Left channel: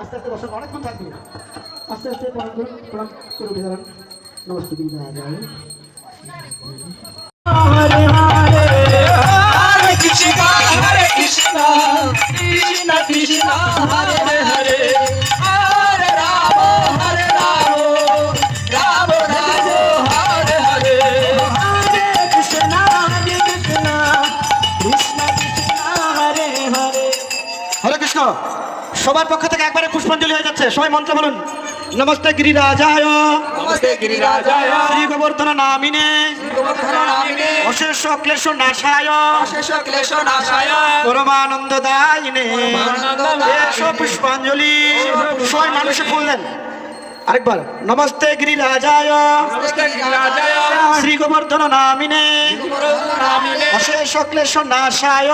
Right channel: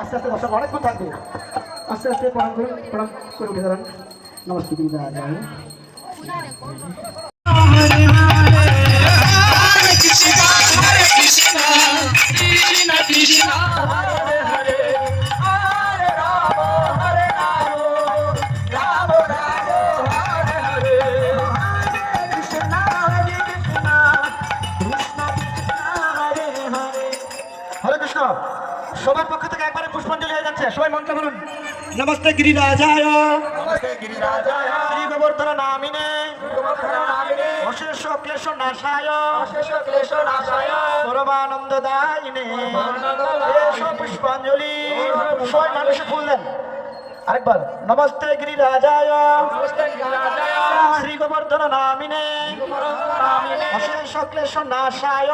আস্তে আস্তে দর্শক অনেকক্ষণ থাকবে আস্তে আস্তে প্রণাম করে উঠে দাঁড়ান নমস্তে হরে কৃষ্ণ সবার পক্ষ থেকে একবারে পুষ্পাঞ্জলি হয়ে যাচ্ছে সবাই মন্ত্র বলুন নমস্তে গিরিরাজায় শ্রী গোবর্ধন নামিনে অশেষ ক্লেশ নাশায় পরমানন্দ দায়িনে পুষ্পাঞ্জলি সবাই মানুষে ফুল দেন আরেকবার নমস্তে গিরিরাজায় শ্রী গোবর্ধন নামিনে অশেষ ক্লেশ নাশায়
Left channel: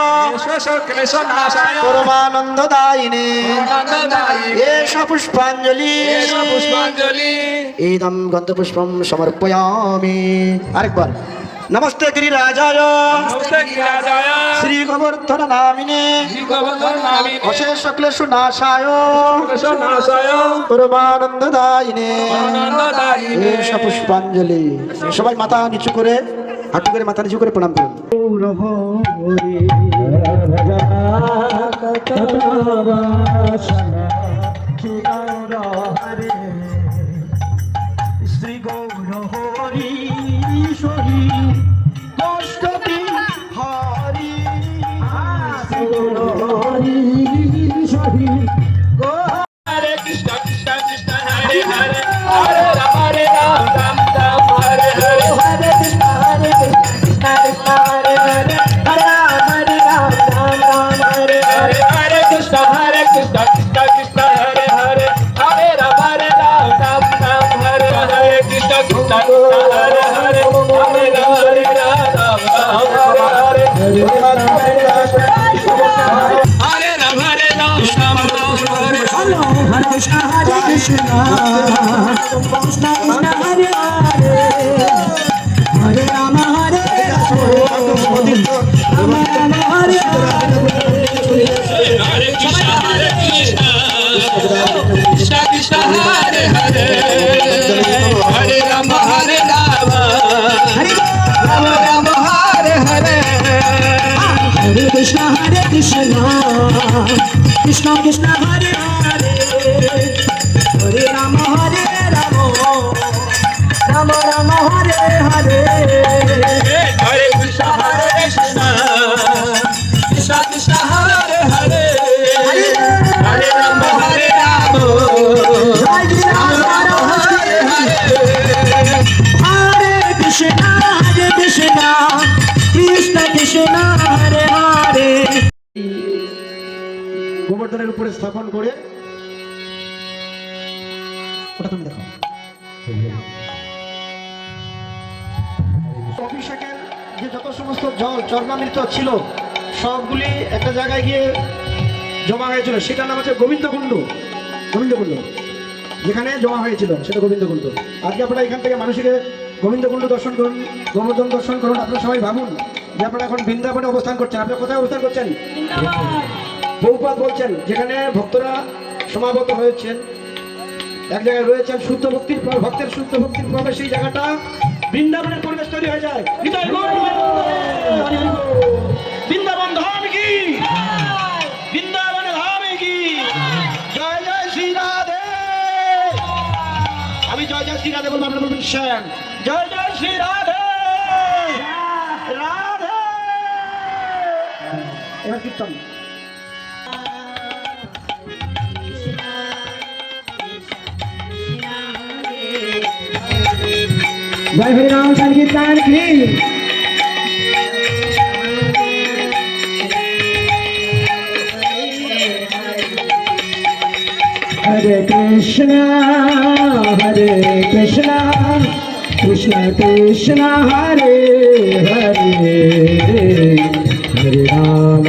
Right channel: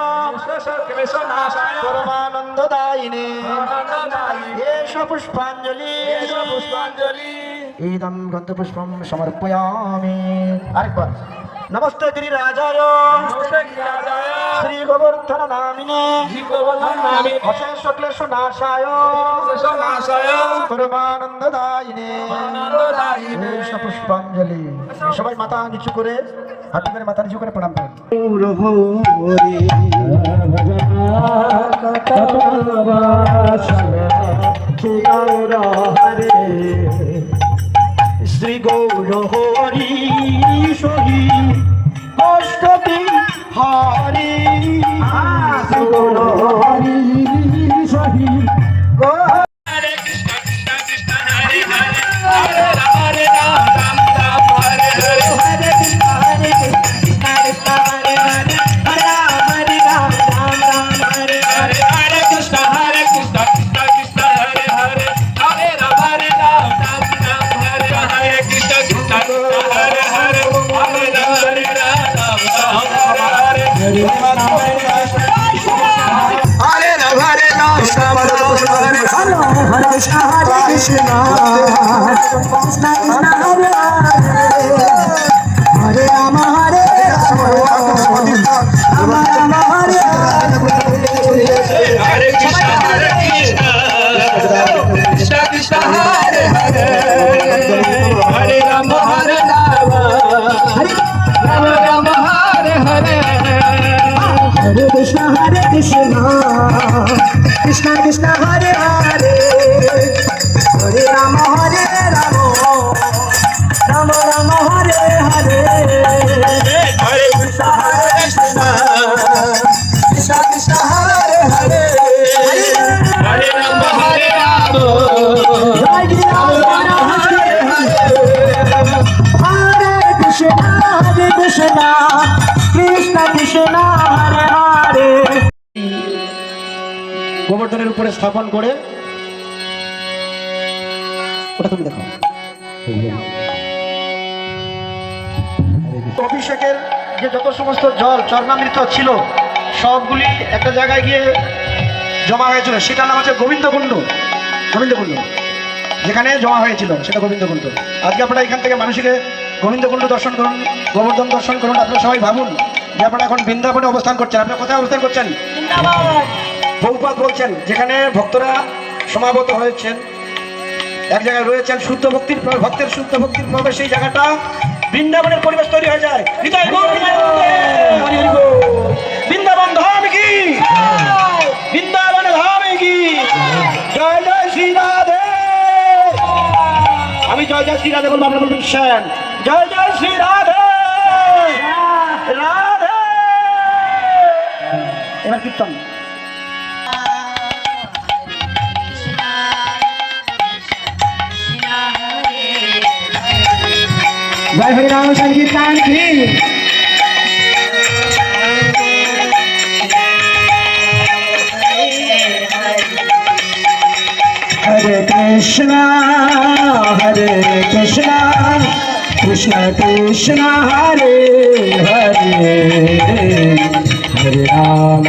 পরমানন্দ দায়িনে এষ পুষ্পাঞ্জলি ইদম গন্ধপুষ্পম সমর্পয়ামি আরেকবার নমস্তে গিরিরাজায় শ্রী গোবর্ধন নামিনে অশেষ ক্লেশ নাশায় পরমানন্দ দায়িনে এষ পুষ্পাঞ্জলি সবাই মাথা নিচু করে হাঁটু করে মাথা নিচু করে প্রণাম করেন শ্রী গৌর হরি ঈশ্বরী অষ্টমী হরি গৌর হরি ঈশ্বরী হরে কৃষ্ণ কৃষ্ণ কৃষ্ণ হরে হরে হরে রাম হরে রাম রাম রাম হরে হরে হরে কৃষ্ণ হরে কৃষ্ণ কৃষ্ণ হরে হরে হরে রাম হরে রাম রাম রাম হরে হরে হরে কৃষ্ণ কৃষ্ণ কৃষ্ণ হরে হরে হরে রাম হরে রাম রাম রাম হরে হরে কৃষ্ণ কৃষ্ণ কৃষ্ণ হরে হরে হরে রাম হরে Ram Ram Ram Hare Hare Hare Krishna Hare Krishna Krishna Krishna Hare Hare Hare Rama Hare Rama Rama Rama Hare Hare Krishna Krishna Krishna Hare Hare Hare Rama Hare Rama Rama Rama Hare Hare Hare Krishna Krishna Krishna Hare Hare Hare Rama Hare Rama Rama Rama Hare Hare Hare Krishna Krishna Krishna Hare Hare Hare Rama Hare Rama Hare Rama Hare Hare Hare Krishna Krishna Krishna Hare Hare গোবর্ধনের উপরে স্থাপন করে ওটা তুমি দেখো অভিষেকের যে যত সমস্ত জল চরণামৃত ছিল সবগুলি একটা জায়গায় গিয়ে জমা হয়েছিল সেটার নাম হচ্ছে গোবিন্দকুণ্ড যেখানে জমা হয়েছিল সেটা গোবিন্দকুণ্ড আজকে আপনারা এখান থেকে মানুষকে গোবিন্দকুণ্ড দর্শন করুন গোবর্ধন দর্শন করুন আপনারা সবাই ভাবুন যে আপনারা এখন বৃন্দাবনে অবস্থান করছেন আপনারা কোথায় অবস্থান করছেন বহুপাত বলছেন যেখানে ভক্তরা সমাগত হয়েছেন এক জায়গায় রয়েছেন শুদ্ধ ভক্তের শুদ্ধ ভক্তির প্রভাবে সেই জায়গাটা বৃন্দাবনের পরিবেশ তৈরি হয়ে যায় বৃন্দাবন ধাম কি বৃন্দাবন ধাম কি জয় জয় শ্রী রাধে আমি জয় জয় শ্রী রাধে বলবো আপনার বলবেন শ্যাম জয় জয় শ্রী রাধে রাধে এবার কীর্তন जय हरि राम संकीर्तन की हरे कृष्णा कृष्ण कृष्ण हरे हरे हरे राम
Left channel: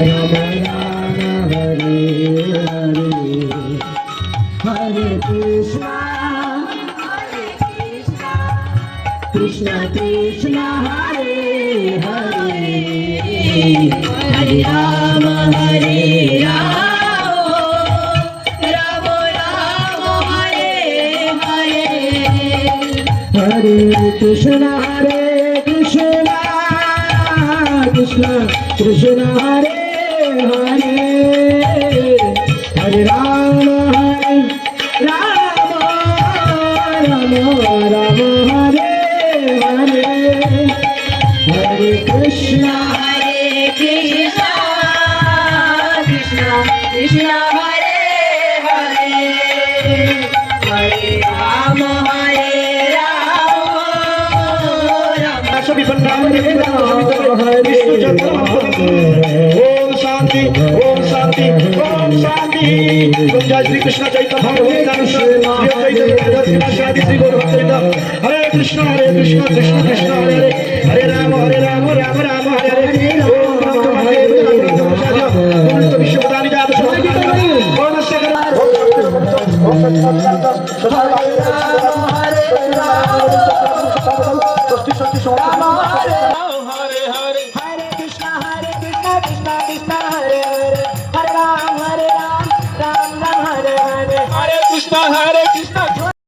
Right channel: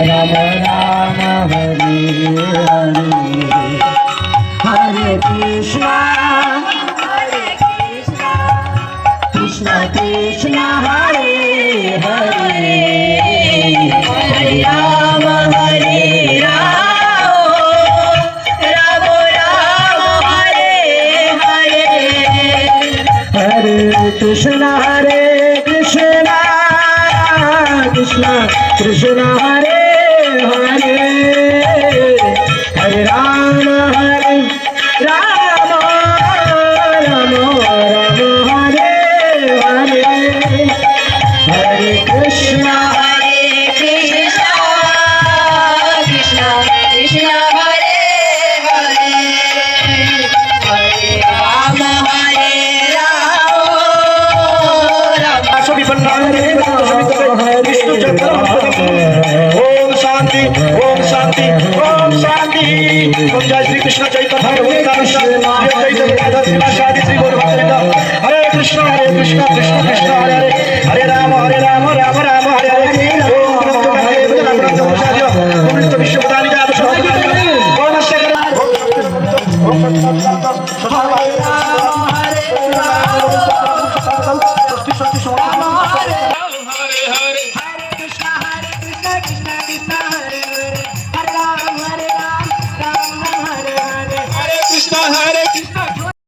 राम राम हरे हरे हरे কৃষ্ণ কৃষ্ণ কৃষ্ণ হরে হরে হরে রাম রাম রাম হরে হরে হরে কৃষ্ণ কৃষ্ণ কৃষ্ণ হরে হরে হরে রাম রাম রাম হরে হরে হরে কৃষ্ণ কৃষ্ণ কৃষ্ণ হরে হরে হরে রাম ओम शांति ओम शांति ओम शांति ओम जय श्री कृष्ण चैतन्य प्रभु नित्यानंद शादी श्री गौर भक्त हरे कृष्ण कृष्ण कृष्ण हरे हरे हरे राम राम राम हरे हरे ओम नमो विश्वदानी जात ओम हरे